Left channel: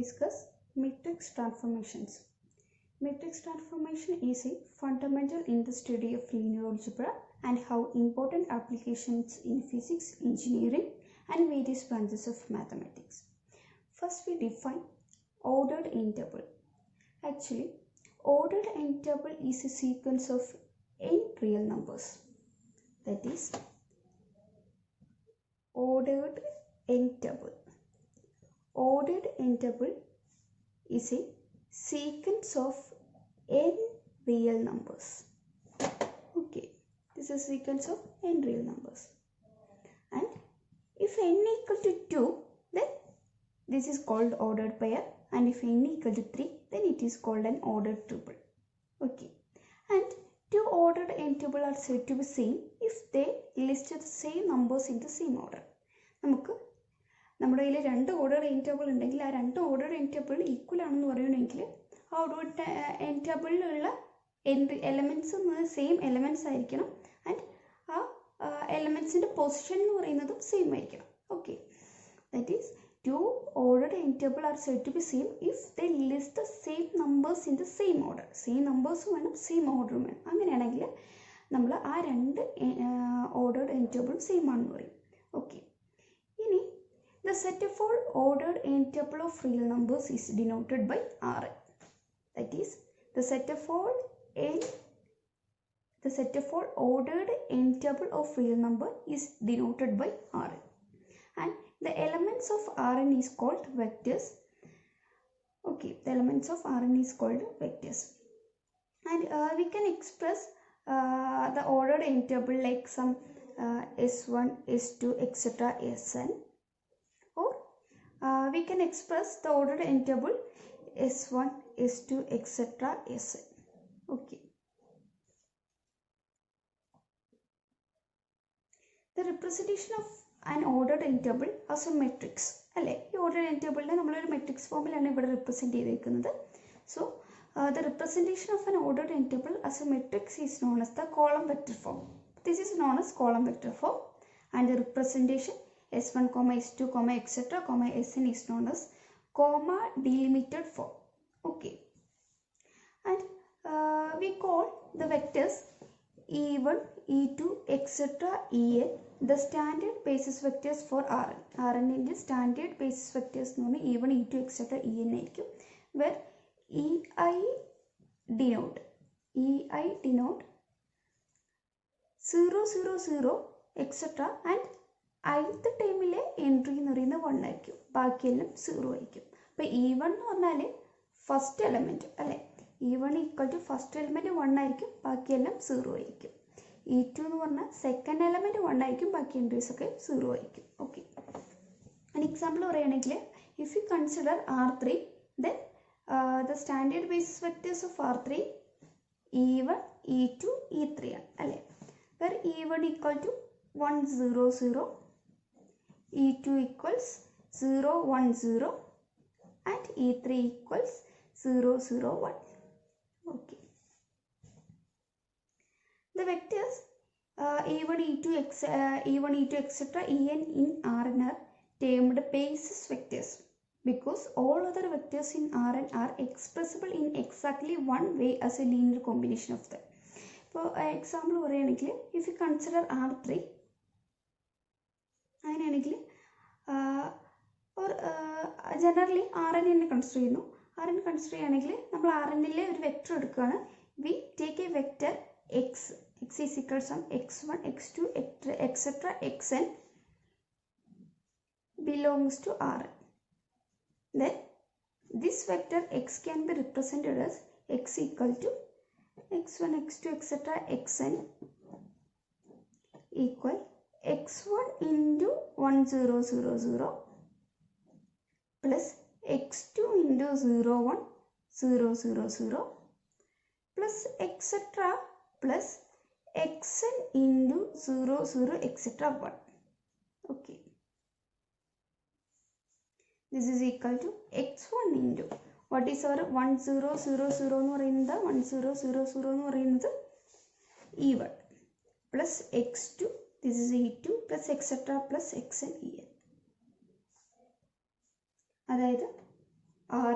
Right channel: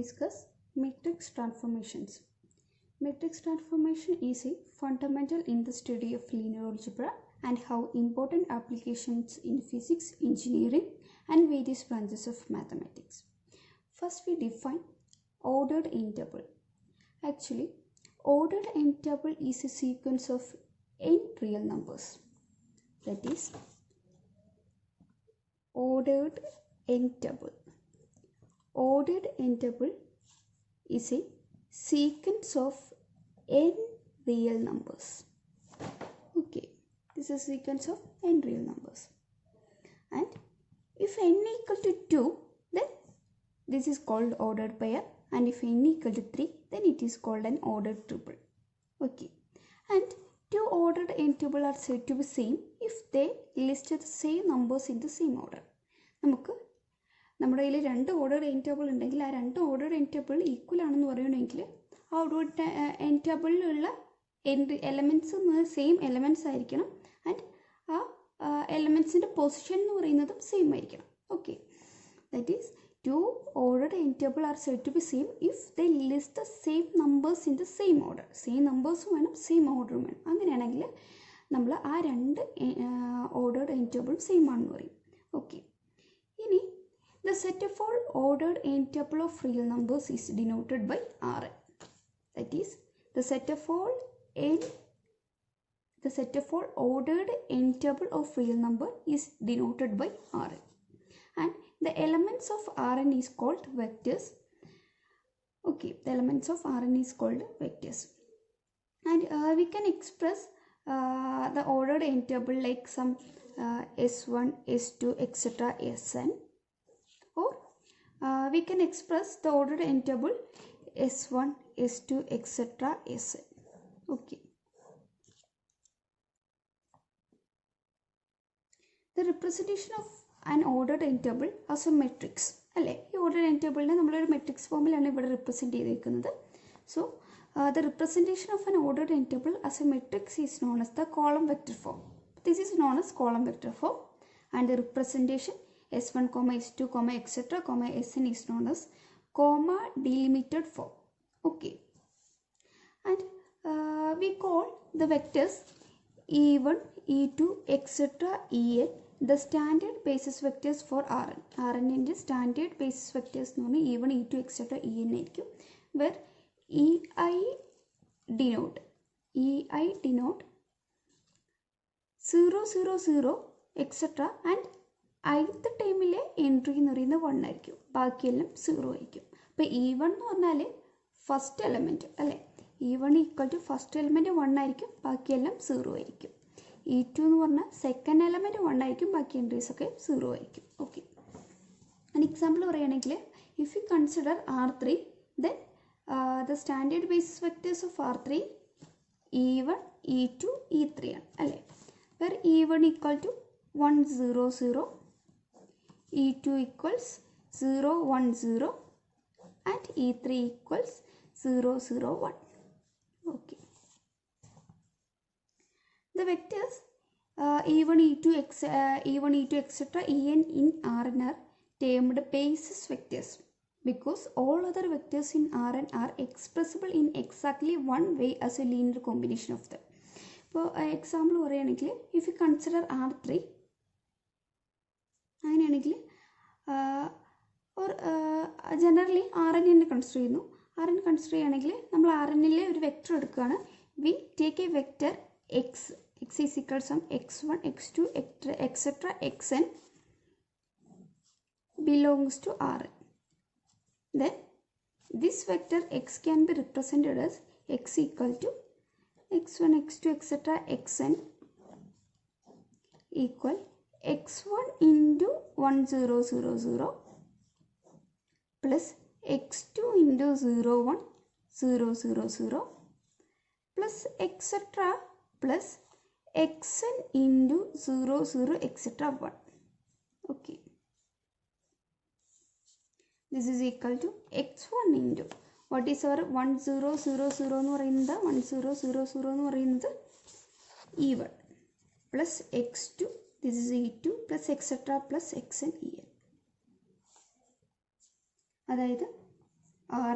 discuss matrix transformations. Matrix transformation is a fundamental in the study of linear algebra and how important applications in physics, engineering and various branches of mathematics. First we define ordered n-tuple. Actually, ordered n-tuple is a sequence of n real numbers. That is ordered n-tuple. Ordered n-tuple is a sequence of n real numbers. Okay, this is a sequence of n real numbers. And if n equal to 2, then this is called ordered pair. And if n equal to 3, then it is called an ordered triple. Okay, and two ordered n-tuple are said to be same if they list the same numbers in the same order. നമ്മുടെ കയ്യിൽ രണ്ട് order n table ഉണ്ടെങ്കിൽ ആ രണ്ട് order n table equal ആണെന്ന് പറയണമെങ്കിൽ ആ order n ടേബിളിലുള്ള എലമെൻറ്റ്സ് സെയിം എലമെൻറ്റ്സ് ആയിരിക്കണം ആൻഡ് ആ എലമെൻറ്റ്സിൻ്റെ പൊസിഷൻ എന്ന് പറയുന്നതും സെയിം ആയിരിക്കണം. Okay, that is two order n table are said to be same if they list the same numbers in the same order. Same നമ്പേഴ്സും വേണം, same ഓർഡറും വേണം. അങ്ങനെയാണെങ്കിൽ നമ്മൾ ആ രണ്ട് ഓർഡർ എൻ ടേബിളും സെയിം ആണെന്ന് പറയും. ഓക്കെ, ഇനി the set of all ordered n-tuple of real numbers is denoted by Rn. That is, the set of all ordered n-tuple of real number is denoted by Rn. And the elements of Rn is called vectors. Okay, the elements of Rn is called vectors. And we can express the ordered n-tuple like some S1, S2, etc. Sn. Or we can express the ordered n-tuple S1, S2, etc. Sn. Okay. The representation of an ordered n-tuple as a matrix. അല്ലേ, ഈ ordered n-tuple നമ്മളൊരു മെട്രിക്സ് ഫോമിലാണ് ഇവിടെ റെപ്രസെൻറ്റ് ചെയ്തിരിക്കുന്നത്. So the representation of an ordered n-tuple as a matrix is known as the column vector form. This is known as column vector form, and the representation S1, S2, etc. Sn is known as comma delimited form. Okay, and we call the vectors E1, E2, etc. En the standard basis vectors for Rn. Rn ന്റെ standard basis vectors എന്ന് പറഞ്ഞാൽ E1, E2, etc. En ആയിരിക്കും. Where Ei denote 0, 0, 0, etc. and ith ടൈമിലെ എൻട്രി എന്ന് പറയുന്നത് 1 ആയിരിക്കും, ബാക്കിയെല്ലാം 0 ആയിരിക്കും. അപ്പോൾ E1 എന്ന് പറഞ്ഞാൽ ഫസ്റ്റ് എലമെൻറ്റ് അല്ലേ, E1 equal to first element 1 ആയിരിക്കും, ബാക്കിയെല്ലാം 0 ആയിരിക്കും. E2 എന്ന് പറഞ്ഞാൽ സെക്കൻഡ് എലമെൻറ്റ് 1 ആയിരിക്കും, ബാക്കി എൻട്രീസ് ഒക്കെ 0 ആയിരിക്കും. ഓക്കെ, ഒരു എക്സാമ്പിൾ പറയുകയാണെങ്കിൽ if you consider R3, then the standard basis vectors of R3 E1, E2, E3 ആണ് അല്ലേ, where E1 equal to 1, 0, 0, E2 equals 0, 1, 0 and E3 equals 0, 0, 1. Okay. The vectors E1, E2, etc. En in Rn are termed basis vectors because all other vectors in Rn are expressible in exactly one way as a linear combination of them. For example പറയുകയാണെങ്കിൽ if you consider R3, അങ്ങനെയാണെങ്കിൽ or generally Rn consider ചെയ്യുന്നു. Rn consider ചെയ്യുകയാണെങ്കിൽ നമ്മൾ Rnലെ ഒരു വെക്ടർ എടുക്കുകയാണ്. We take A vector x is equals to x1, x2, etc. xn belongs to Rn. Then this vector x can be represented as x equal to x1, x2, etc. xn equal x1 into 1, 0, 0, 0 plus x2 into 0, 1, 0, 0, 0 plus etc. plus xn into 0, 0, etc. 1. Okay. This is equal to x1 into what is our 1, 0, 0, 0 എന്ന് പറയുന്നത് 1, 0, 0, 0 എന്ന് പറയുന്നത് E1 plus x2, this is E2 plus etc. plus xn En. അതായത്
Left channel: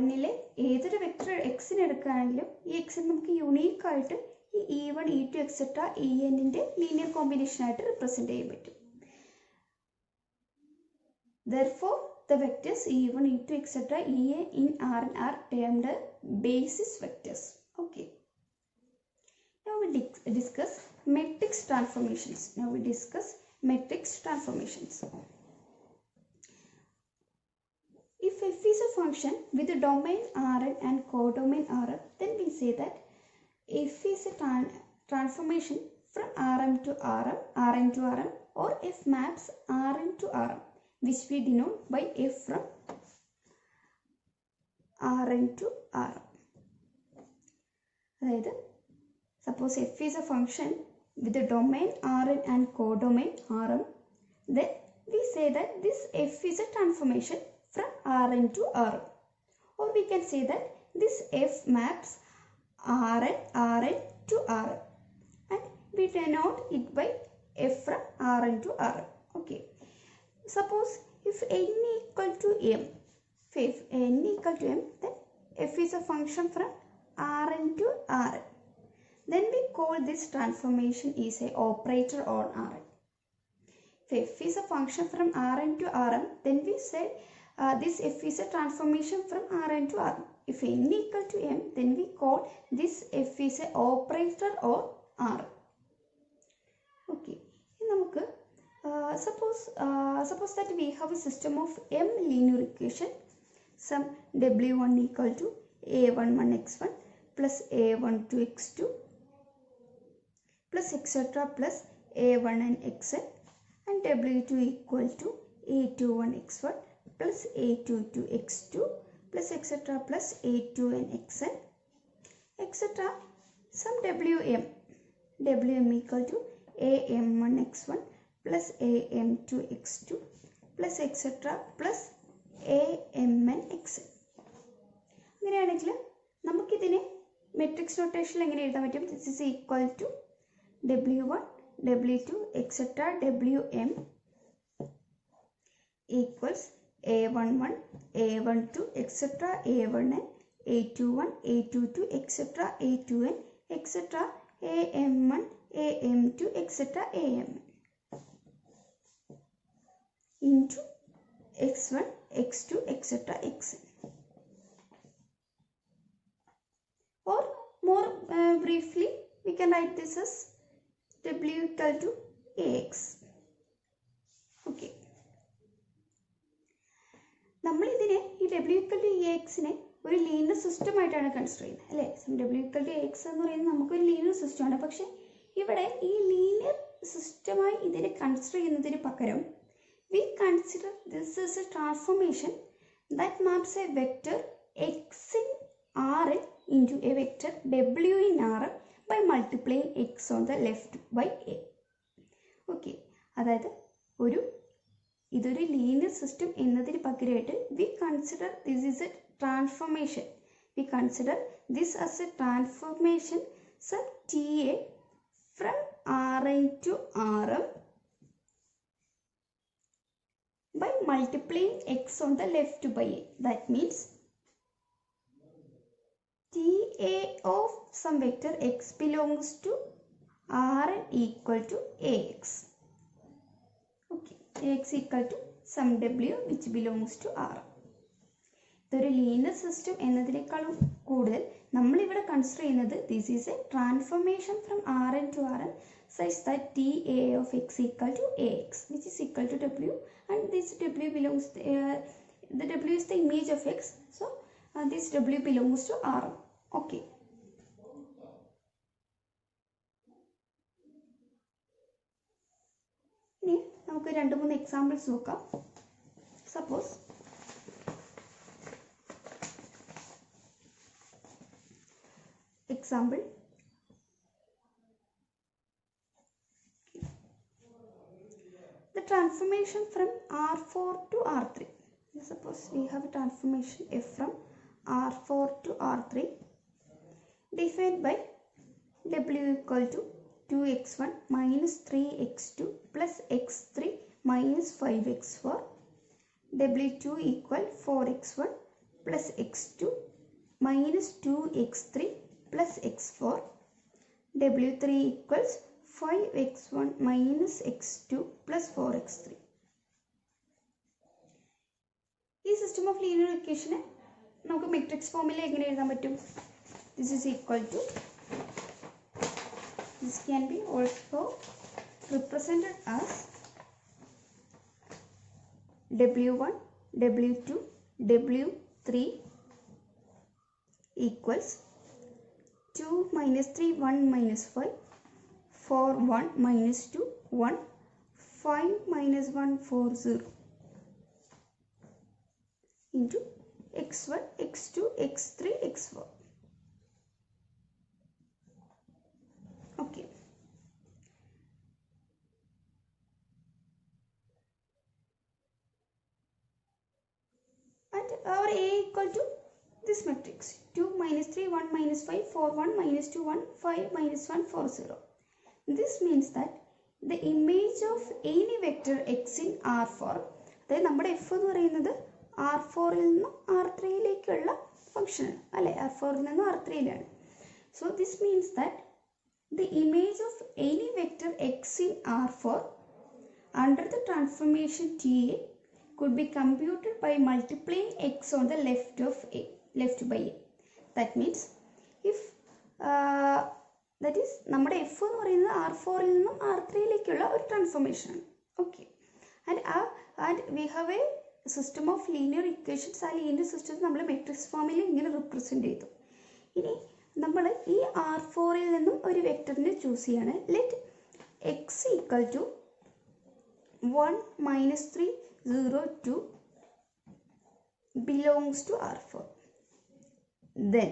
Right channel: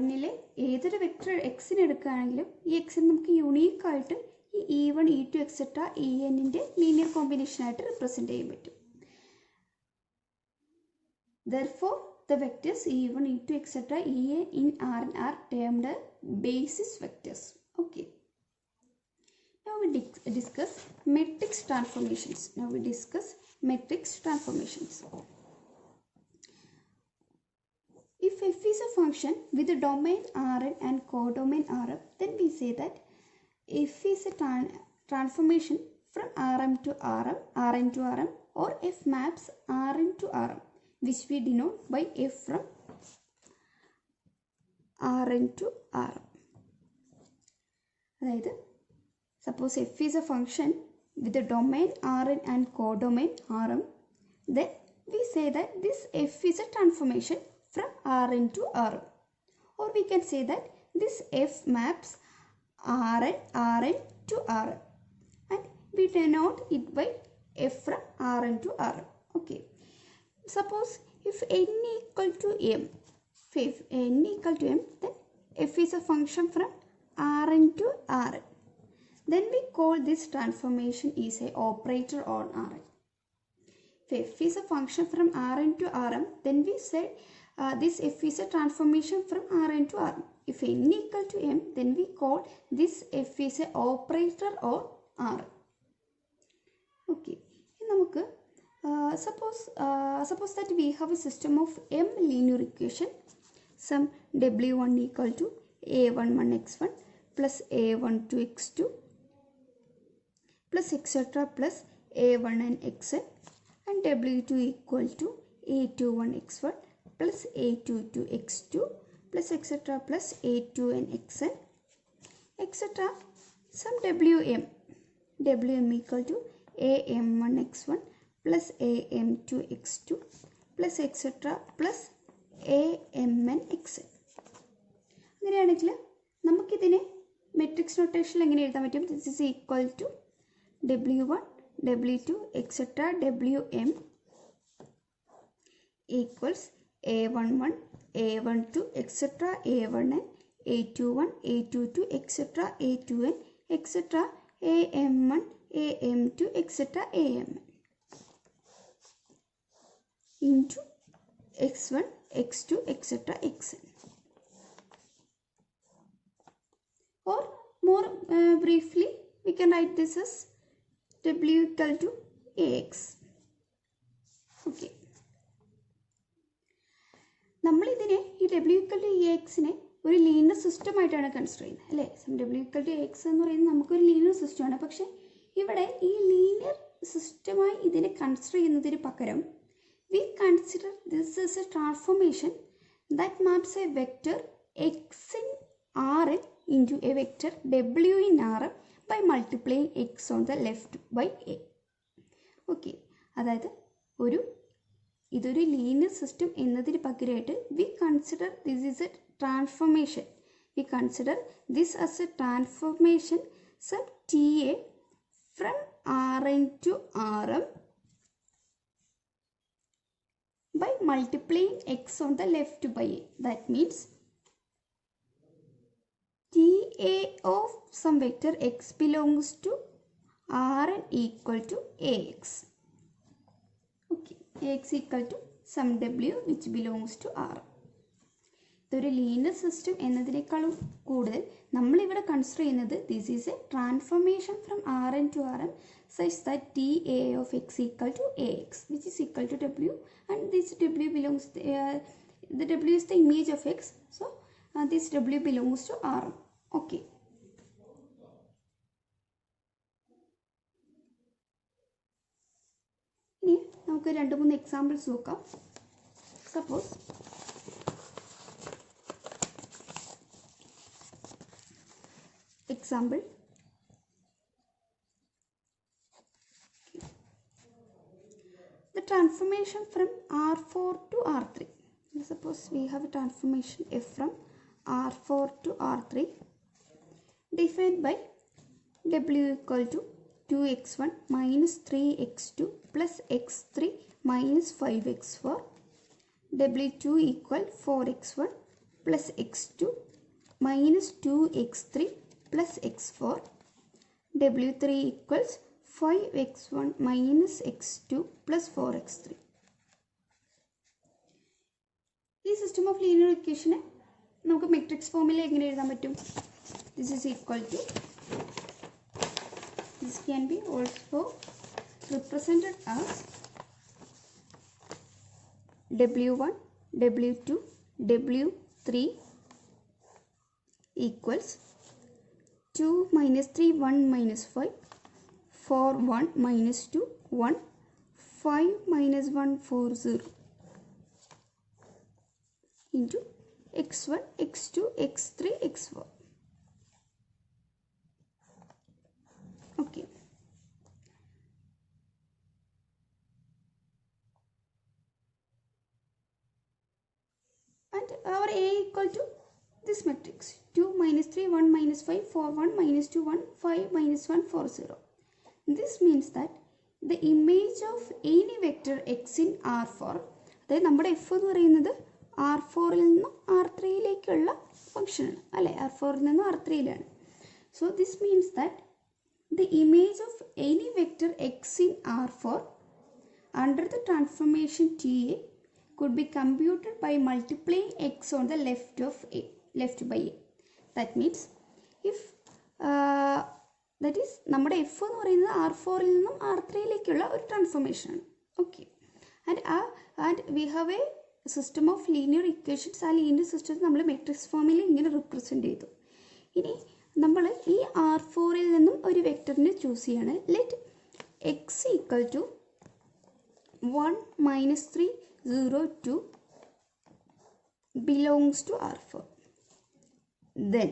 Rനിലെ ഏതൊരു വെക്ടർ എക്സിന് എടുക്കുകയാണെങ്കിലും ഈ എക്സിന് നമുക്ക് യുണീക്ക് ആയിട്ട് ഈ E1, E2, എക്സെട്ര ENന്റെ ലീനിയർ കോമ്പിനേഷൻ ആയിട്ട് റിപ്രസെന്റ് ചെയ്യാൻ പറ്റും. Therefore, the vectors E1, E2, etc. EN in Rn are termed basis vectors. Okay. Now we discuss matrix transformations. If f is a function with a domain Rn and codomain Rm, then we say that f is a transformation from Rm to Rn to Rm, or f maps Rn to Rm, which we denote by f from Rn to Rm. അതായത് suppose f is a function with a domain Rn and codomain Rm, then we say that this f is a transformation from Rn to Rm, or we can say that this f maps Rn to Rm, and we denote it by f from Rn to Rm. Okay. Suppose if n equal to m, then f is a function from Rn to Rn. Then we call this transformation is a operator on Rn. If f is a function from Rn to Rm, then we say this f is a transformation from Rn to Rm. If n equal to m, then we call this f is a operator on Rn. Okay. നമുക്ക് suppose that we have a system of m linear equation. Some w1 equal to a11x1 plus a12x2 plus etc. plus a1 and xn, and w2 equal to a21x1 plus a22x2 plus etc. plus a2 and xn, etc. Some wm equal to am1x1 plus am2x2 plus etc. plus amn xn. അങ്ങനെയാണെങ്കിൽ നമുക്കിതിനെ മെട്രിക്സ് നൊട്ടേഷനിൽ എങ്ങനെ എഴുതാൻ പറ്റും? This is equal to w1 w2 etc. wm equals a11 a12 etc. a1n a21 a22 etc. a2n etc. am1 am2 etc. amn into x1 x2 etc. xn. Or more briefly, we can write this as w equal to ax. Okay. നമ്മൾ ഇതിനെ ഈ w equal to axനെ ഒരു linear system ആയിട്ടാണ് കൺസിഡർ ചെയ്യുന്നത്, അല്ലേ? w equal to ax എന്ന് പറയുന്നത് നമുക്കൊരു ലീനിയർ സിസ്റ്റമാണ്. പക്ഷെ ഇവിടെ ഈ ലീനിയർ സിസ്റ്റമായി ഇതിനെ കൺസിഡർ ചെയ്യുന്നതിന് പകരം we consider this as a transformation that maps a vector x in Rn into a vector w in Rm by multiplying x on the left by a. Okay. അതായത് ഇതൊരു ലീനിയർ സിസ്റ്റം എന്നതിന് പകരമായിട്ട് we consider this is a transformation. We consider this as a transformation sub Ta from Rn to Rm by multiplying x on the left by a. That means Ta of some vector x belongs to Rn equal to ax. Okay, ax equal to some w which belongs to Rn. ഇതൊരു linear system എന്നതിനേക്കാളും കൂടുതൽ നമ്മളിവിടെ കൺസിഡർ ചെയ്യുന്നത് this is a transformation from Rn to Rm such that Ta of x equal to ax which is equal to w, and this w belongs the w is the image of x, so this w belongs to Rm. Okay. ഇനി നമുക്ക് 2-3 എക്സാമ്പിൾസ് നോക്കാം. Suppose example, the transformation from R4 to R3. Suppose we have a transformation f from R4 to R3 defined by w equal to 2x1 minus 3x2 plus x3 minus 5x4, w2 equal 4x1 plus x2 minus 2x3 plus x4. W3 equals 5x1 minus x2 plus 4x3. This system of linear equation നമുക്ക് matrix form എങ്ങനെ എഴുതാൻ പറ്റും? This is equal to, this can be also represented as W1, W2, W3 equals 2 minus 3, 1 minus 5, 4, 1 minus 2, 1, 5 minus 1, 4, 0 into x1, x2, x3, x4. Okay. And our A equal to this matrix 2 minus 3, 1 minus 5, 4, 1 minus 2, 1, 5 minus 1, 4, 0. This means that the image of any vector x in R4, അതായത് നമ്മുടെ f എന്ന് പറയുന്നത് R4 ൽ നിന്നും R3 ലേക്കുള്ള ഫംഗ്ഷൻ ആണ് അല്ലേ, R4 ൽ നിന്നും R3 ലാണ്. So this means that the image of any vector x in R4 under the transformation TA could be computed by multiplying x on the left by a. That means if that is നമ്മുടെ f എന്ന് പറയുന്നത് R4 ൽ നിന്നും R3 ലേക്കുള്ള ഒരു ട്രാൻസ്ഫോർമേഷൻ ആണ്. Okay, and we have A system of linear equations. ആ ലീനിയർ സിസ്റ്റത്തെ നമ്മൾ മെട്രിക്സ് ഫോമിൽ ഇങ്ങനെ റിപ്രസെൻറ്റ് ചെയ്തു. ഇനി നമ്മൾ ഈ R4 ൽ നിന്നും ഒരു വെക്ടറിനെ ചൂസ് ചെയ്യാണ്. Let x equal to 1 minus 3, 0, 2 belongs to R4. Then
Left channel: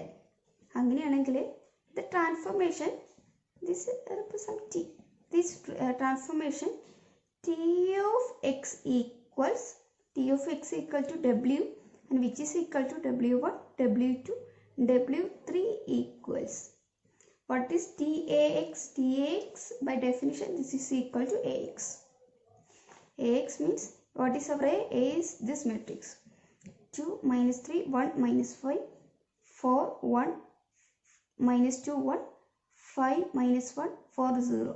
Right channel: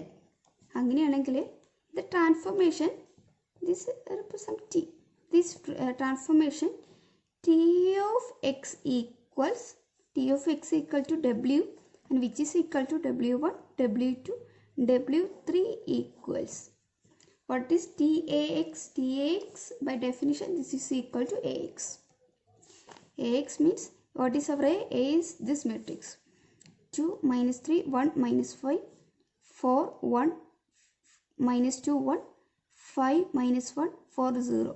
അങ്ങനെയാണെങ്കിൽ the transformation, this represents T. This transformation T of x equals to W, and which is equal to W1, W2, W3 equals, what is TAX? TAX by definition this is equal to AX. AX means what is our A? A is this matrix 2 minus 3, 1 minus 5, 4, 1 minus 2, 1, 5 minus 1, 4, 0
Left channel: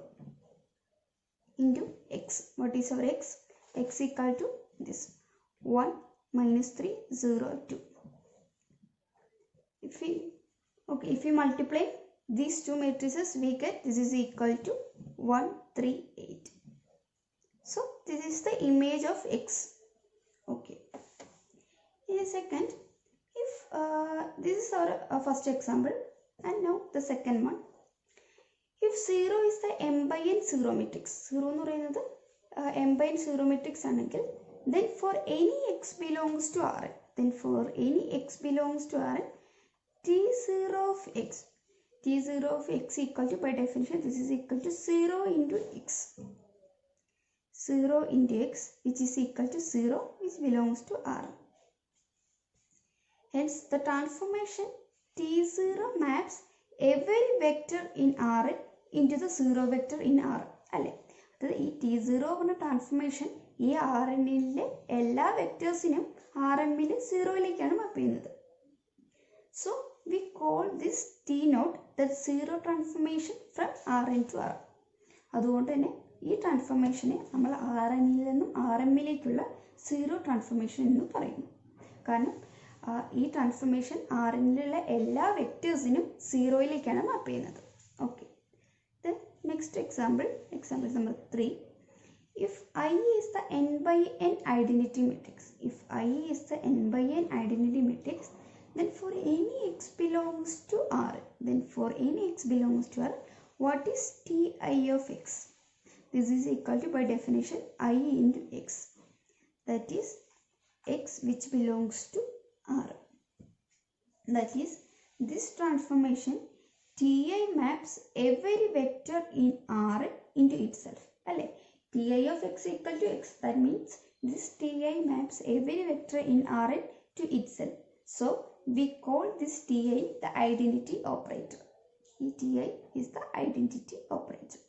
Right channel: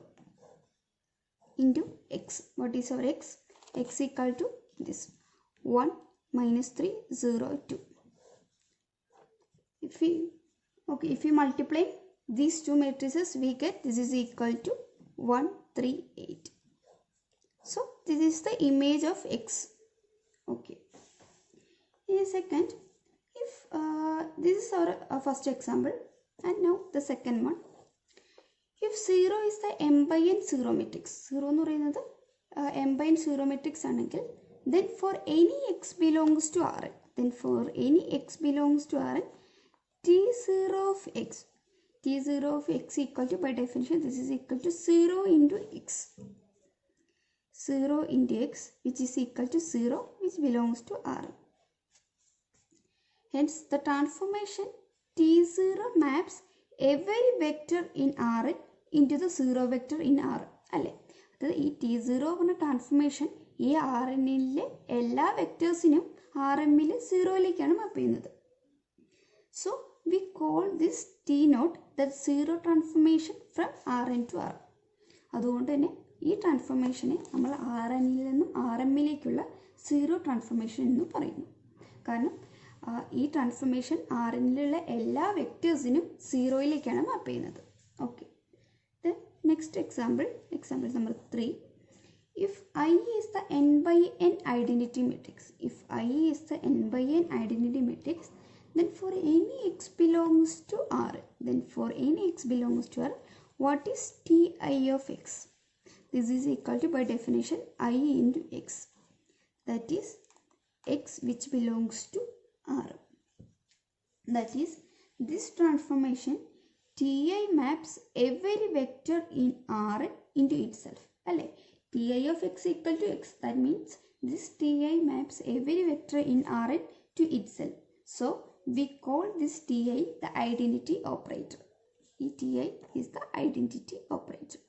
into x. What is our x? X equal to this 1 minus 3, 0, 2. If we multiply these two matrices, we get this is equal to 1, 3, 8. So this is the image of x. Okay. In a second, if this is our first example, and now the second one. If 0 is the m by n zero matrix, 0 എന്ന് പറയുന്നത് m by n zero matrix ആണെങ്കിൽ, then for any x belongs to Rn, T0 of x equal to, by definition this is equal to 0 into x. 0 into x, which is equal to 0, which belongs to R. Hence the transformation T0 maps every vector in R into the 0 vector in R. അല്ലേ, അത് ഈ T0 എന്ന ട്രാൻസ്ഫോർമേഷൻ ഈ Rnലെ എല്ലാ വെക്ടേഴ്സിനും Rmൽ 0യിലേക്കാണ് മാപ്പ് ചെയ്യുന്നത്. So we call this T0 the 0 transformation from Rn to R. അതുകൊണ്ട് തന്നെ ഈ ട്രാൻസ്ഫോർമേഷനെ നമ്മൾ Rnൽ നിന്നും Rmലേക്കുള്ള 0 ട്രാൻസ്ഫോർമേഷൻ എന്ന് പറയുന്നു. കാരണം ഈ ട്രാൻസ്ഫോർമേഷൻ Rnലുള്ള എല്ലാ വെക്ടേഴ്സിനും 0യിലേക്കാണ് മാപ്പ് ചെയ്യുന്നത്. Okay, then next example number 3. If I is the n by n identity matrix, then for any x belongs to R, what is Ti of x? This is equal to, by definition, I into x. That is x which belongs to R. That is, this transformation Ti maps every vector in R into itself. Alle, Ti of x equal to x. That means this Ti maps every vector in R to itself. So we call this Ti the identity operator. Ti is the identity operator.